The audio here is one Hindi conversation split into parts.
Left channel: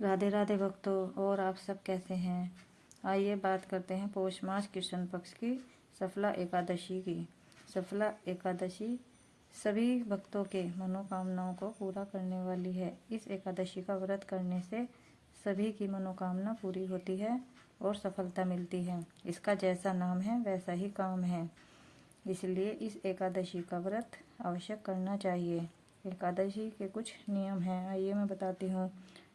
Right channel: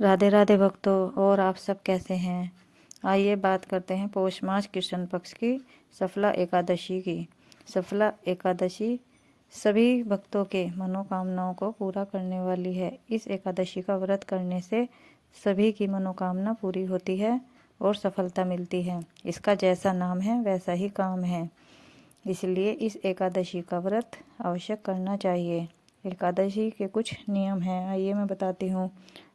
राधे राधे भक्तों, और आप सब कैसे हैं। आइए बात करते हैं पौष मास कृष्ण पक्ष की सफला एकादशी की। सफला एकादशी सभी भक्तों के मनोकामनाओं को पूरा करने वाली है। इस एकादशी का व्रत करने से सभी की मनोकामना पूरी होती है और सफलता मिलती है। इसका जैसा नाम है वैसा ही काम है, इसलिए इस एकादशी का व्रत अवश्य करना चाहिए। एकादशी के कुछ नियम हैं, आइए मैं बताती हूँ।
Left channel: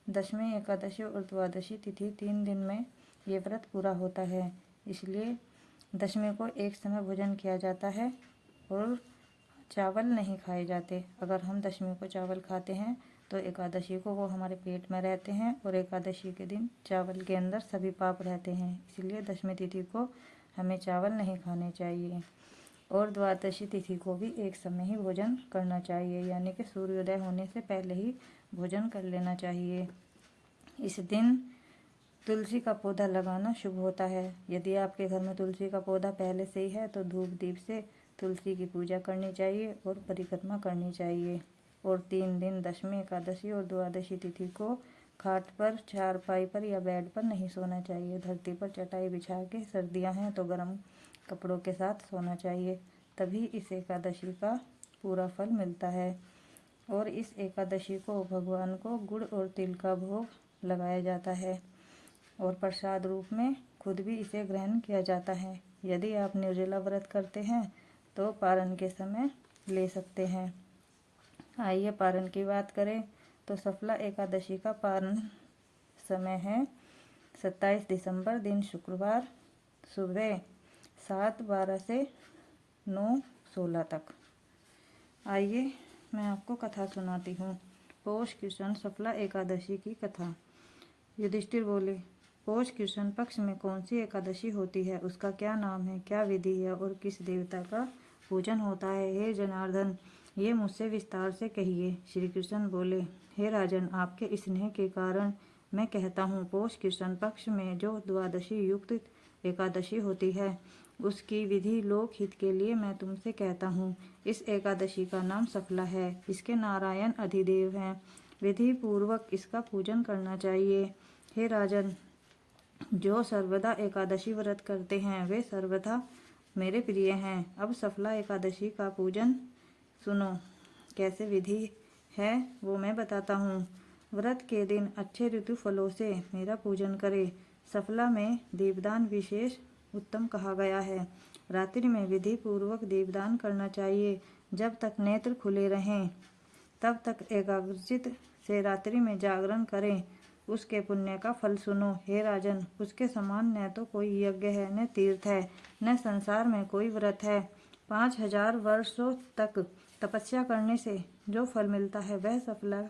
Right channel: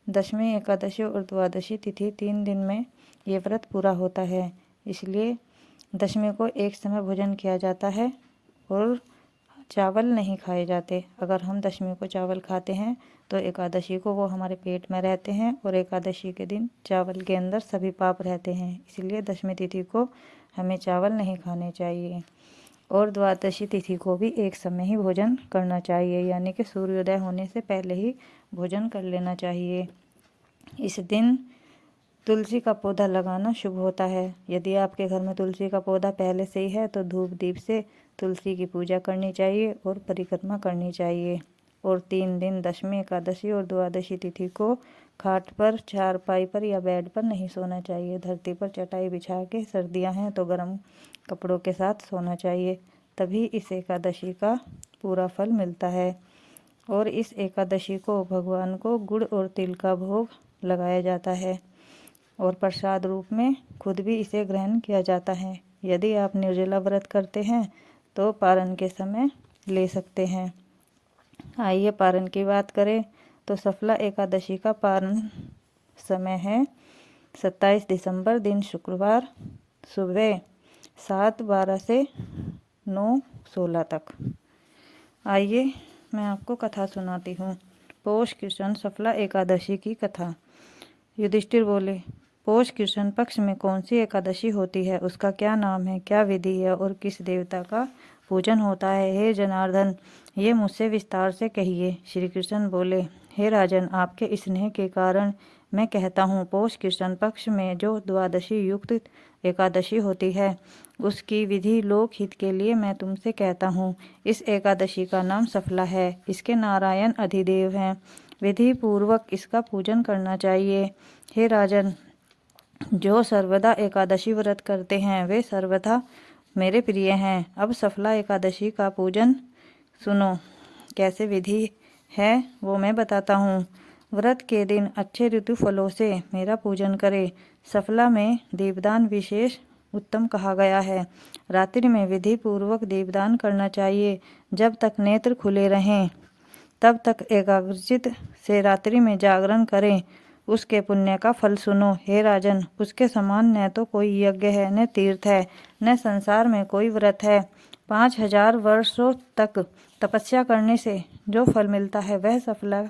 दशमी एकादशी और द्वादशी तिथि 3 दिन में ये व्रत पूरा होता है, इसलिए दशमी को एक समय भोजन किया जाता है और चावल नहीं खाए जाते। अगर हम दशमी को चावल खाते हैं तो एकादशी को वो हमारे पेट में रहते हैं और एकादशी के दिन चावल के अंदर सभी पाप रहते हैं, इसलिए दशमी तिथि को हमें चावल नहीं खाने चाहिए। और द्वादशी तिथि को भी एक समय ही भोजन करना चाहिए, यानी कि सूर्योदय होने से पहले ही भोजन कर लेना चाहिए। इस दिन तुलसी का पौधा लगाना शुभ होता है। यदि आपके घर में तुलसी का पौधा पहले से ही है तो धूप दीप से तुलसी की पूजा करनी चाहिए और परिक्रमा करनी चाहिए। और 3 दिन दशमी एकादशी और द्वादशी तिथि को खाट पर, चारपाई पर या बेड पर नहीं सोना चाहिए। धरती पर चटाई बिछा के, सर्दियां हैं तो गर्म कपड़ों के साथ सोना चाहिए, तभी इस एकादशी का पूरा फल मिलता है। और इस एकादशी को भगवान को गुड़ और तिल का भोग लगाया जाता है और प्रसाद रूप में खुद भी इसे ग्रहण किया जाता है। यदि आप निर्जला व्रत करते हैं तो पारण के समय ले सकते हैं। आइए पारण की बात करें तो सफला एकादशी का पारण समय है 27 दिसंबर दिन शुक्रवार सुबह 7:12 से 9:16 तक। आइए मैं आपको कथा सुनाती हूँ। पौष कृष्ण सफला एकादशी की कथा। युधिष्ठिर बोले, पौष कृष्ण पक्ष में कौन सी एकादशी होती है, उसका क्या नाम है, क्या विधि है और किस देवता का पूजन होता है। हे जनार्दन, ये मुझसे विस्तार से कहिए। श्री कृष्ण बोले, हे राजन, आपके स्नेह के कारण मैं कहता हूँ, पौष कृष्ण पक्ष में जो द्वादशी युक्त एकादशी होती है उसकी विधि लोक हित के लिए मैं तुमसे कहता हूँ। इस एकादशी का नाम सफला है। इसके नारायण अधिदेव हैं। विधि पूर्वक इसका पूजन करना चाहिए। हे राजन, जो सर्वदा एकादशी व्रत करते हैं वे सर्वदा मेरे प्रिय हैं। अब सफला एकादशी का पूजन सुनो। कैसे विधि है वो मैं बताता हूँ। व्रत के दिन अच्छे ऋतु फलों से मेरा पूजन करे। सफला में दीपदान विशेष उत्तम कहा गया है। रात्रि में विधि पूर्वक दीपदान करना चाहिए। जब तक नेत्र खुले रहें तब तक एकाग्रचित से रात्रि में जागरण करें। उसके पुण्य का फल सुनो। हे राजन, उसके समान न तो कोई यज्ञ है, न तीर्थ है, न संसार में कोई व्रत है। 5000 वर्षों तक तपस्या करने से जो फल मिलता है वह सफला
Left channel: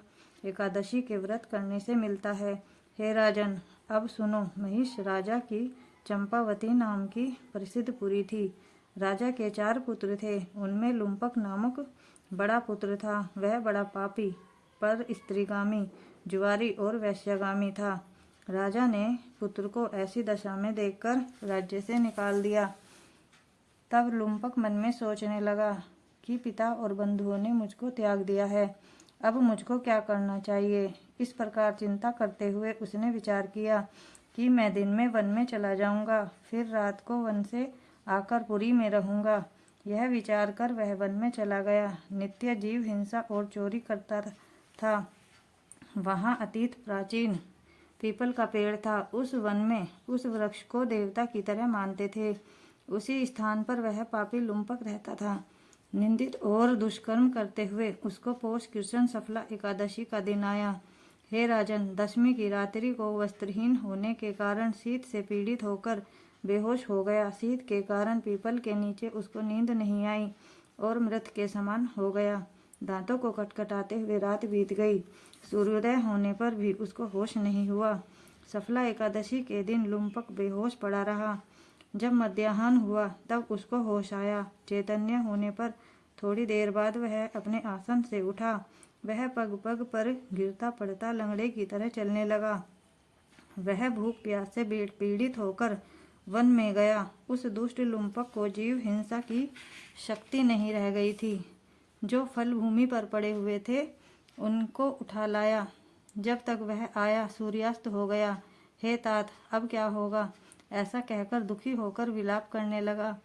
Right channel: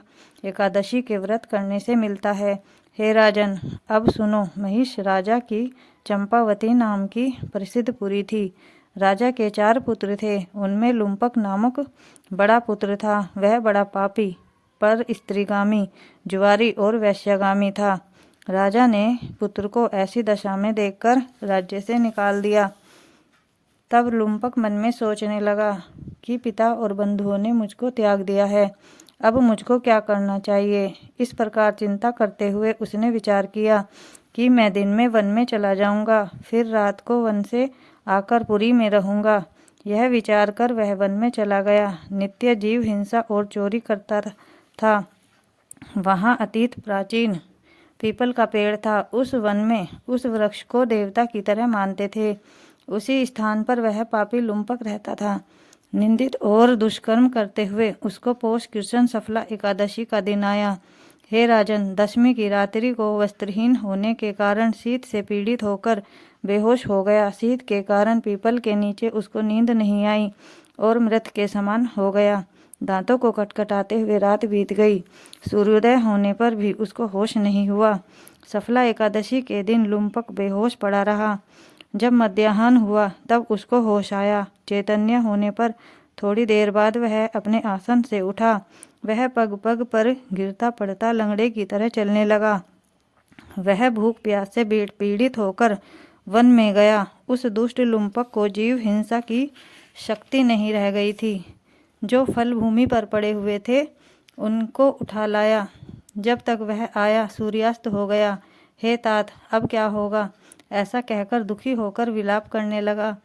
एकादशी के व्रत करने से मिलता है। हे राजन, अब सुनो। महिष राजा की चंपावती नाम की प्रसिद्ध पुरी थी। राजा के 4 पुत्र थे। उनमें लुम्पक नामक बड़ा पुत्र था। वह बड़ा पापी, पर स्त्रीगामी, जुआरी और वैश्यगामी था। राजा ने पुत्र को ऐसी दशा में देखकर राज्य से निकाल दिया। तब लुम्पक मन में सोचने लगा कि पिता और बंधुओं ने मुझको त्याग दिया है, अब मुझको क्या करना चाहिए। इस प्रकार चिंता करते हुए उसने विचार किया कि मैं दिन में वन में चला जाऊंगा, फिर रात को वन से आकर पुरी में रहूंगा। यह विचार कर वह वन में चला गया। नित्य जीव हिंसा और चोरी करता था। वहाँ अतीत प्राचीन पीपल का पेड़ था। उस वन में उस वृक्ष को देवता की तरह मानते थे। उसी स्थान पर वह पापी लुम्पक रहता था। निंदित और दुष्कर्म करते हुए उसको पौष कृष्ण सफला एकादशी का दिन आया। हे राजन, दशमी की रात्रि को वस्त्रहीन होने के कारण शीत से पीड़ित होकर बेहोश हो गया। शीत के कारण पीपल के नीचे उसको नींद नहीं आई और मृत के समान हो गया। दांतों को खटखटाते हुए रात बीत गई। सूर्योदय होने पर भी उसको होश नहीं हुआ। सफला एकादशी के दिन लुम्पक बेहोश पड़ा रहा। जब मध्याह्न हुआ तब उसको होश आया। चैतन्य होने पर थोड़ी देर बाद वह अपने आसन से उठा। वह पग पग पर गिरता पड़ता लंगड़े की तरह चलने लगा। वह भूख प्यास से पीड़ित होकर वन में गया। उस दुष्ट लुम्पक को जीव हिंसा की शक्ति नहीं रह गई थी। जो फल भूमि पर पड़े हुए थे उनको उठा लाया। जब तक वह आया सूर्यास्त हो गया। हे तात, अब क्या होगा? ऐसा कहकर दुखी होकर विलाप करने लगा।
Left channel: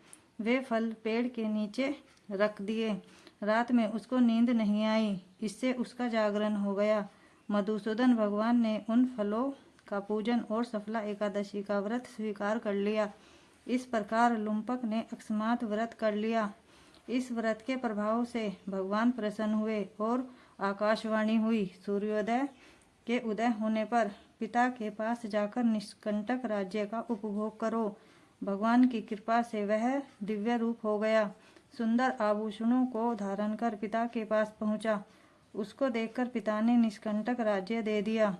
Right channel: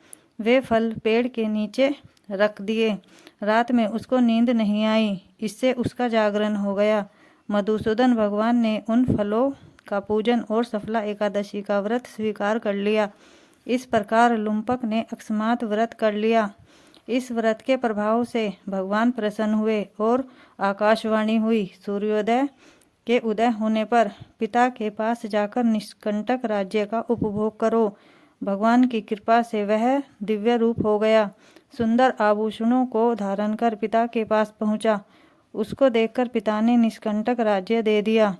वे फल पेड़ के नीचे रख दिए। रात में उसको नींद नहीं आई, इससे उसका जागरण हो गया। मधुसूदन भगवान ने उन फलों का पूजन और सफला एकादशी का व्रत स्वीकार कर लिया। इस प्रकार लुम्पक ने अकस्मात व्रत कर लिया। इस व्रत के प्रभाव से भगवान प्रसन्न हुए और आकाशवाणी हुई। सूर्योदय के उदय होने पर पिता के पास जाकर निष्कंटक राज्य का उपभोग करो। भगवान की कृपा से वह दिव्य रूप हो गया। सुंदर आभूषणों को धारण कर पिता के पास पहुंचा। उसको देखकर पिता ने निष्कंटक राज्य दे दिया।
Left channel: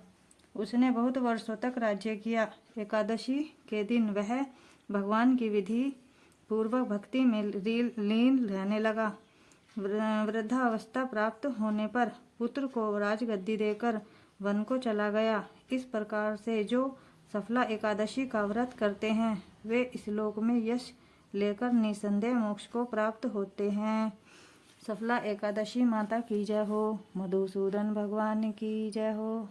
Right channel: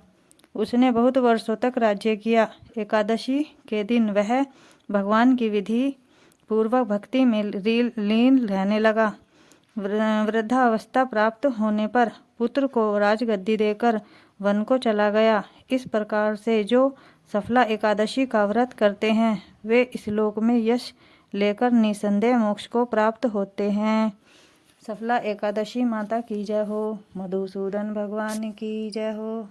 उसने बहुत वर्षों तक राज्य किया। एकादशी के दिन वह भगवान की विधि पूर्वक भक्ति में लीन रहने लगा। वृद्धावस्था प्राप्त होने पर पुत्र को राजगद्दी देकर वन को चला गया। इस प्रकार से जो सफला एकादशी का व्रत करते हैं वे इस लोक में यश लेकर निसंदेह मोक्ष को प्राप्त होते हैं। सफला एकादशी माता की जय हो। मधुसूदन भगवान की जय हो।